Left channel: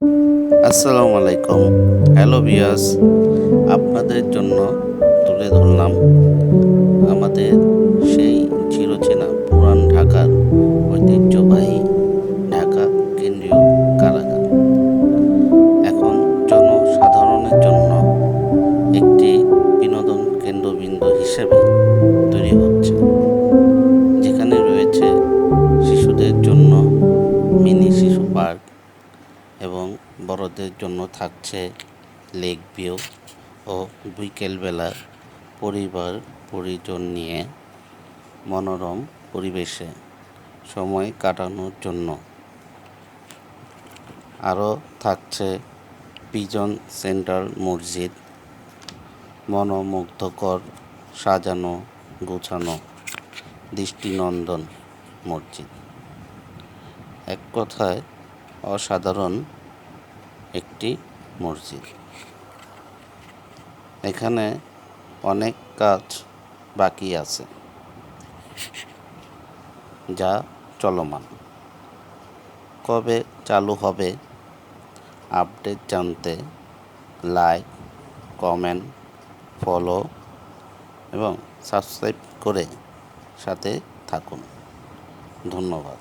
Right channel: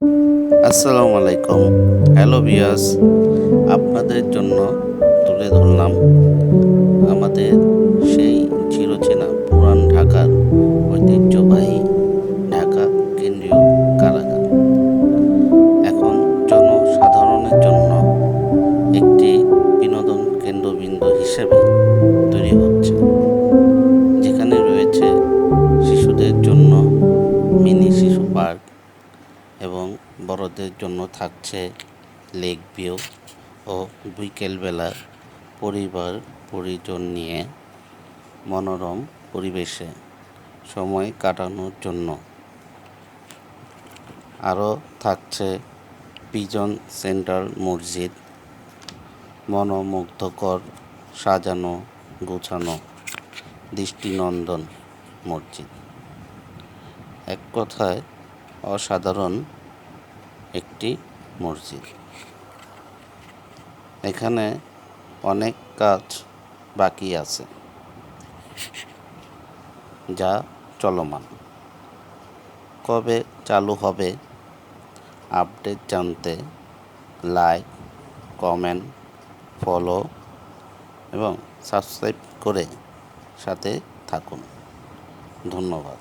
আসসালামু আলাইকুম। Hello viewers, আপনাদের জন্য তুলে ধরলাম আমাদের সেই চিরচেনা পুরান ঢাকার ঐতিহ্যবাহী ঢাকা কেন্দ্রীয় কারাগার। এখন জনসাধারণের জন্য একটি বিনোদন কেন্দ্রবিন্দু হিসেবে তৈরি হচ্ছে, যেখানে রয়েছে শিশুদের জন্য মিনি শিশু পার্ক এবং বড়দের জন্য থাকছে লেক ভিউ ও বিকেলবেলা পরিবার পরিজন নিয়ে মনোরম পরিবেশে সময় কাটানোর জন্য আরও থাকছে পিজন সেন্টার মসজিদ, মনোমুগ্ধকর সাজানো গোছানো দৃষ্টিনন্দন মসজিদ। এক কথায় অসাধারণ একটি মসজিদ। এখানে অনেক কাজ বাকি আছে, যা চলমান। কবে চালু হবে আপডেট জানতে লাইক, কমেন্ট, ফলো এবং সাবস্ক্রাইব করে সাথে থাকুন। ধন্যবাদ।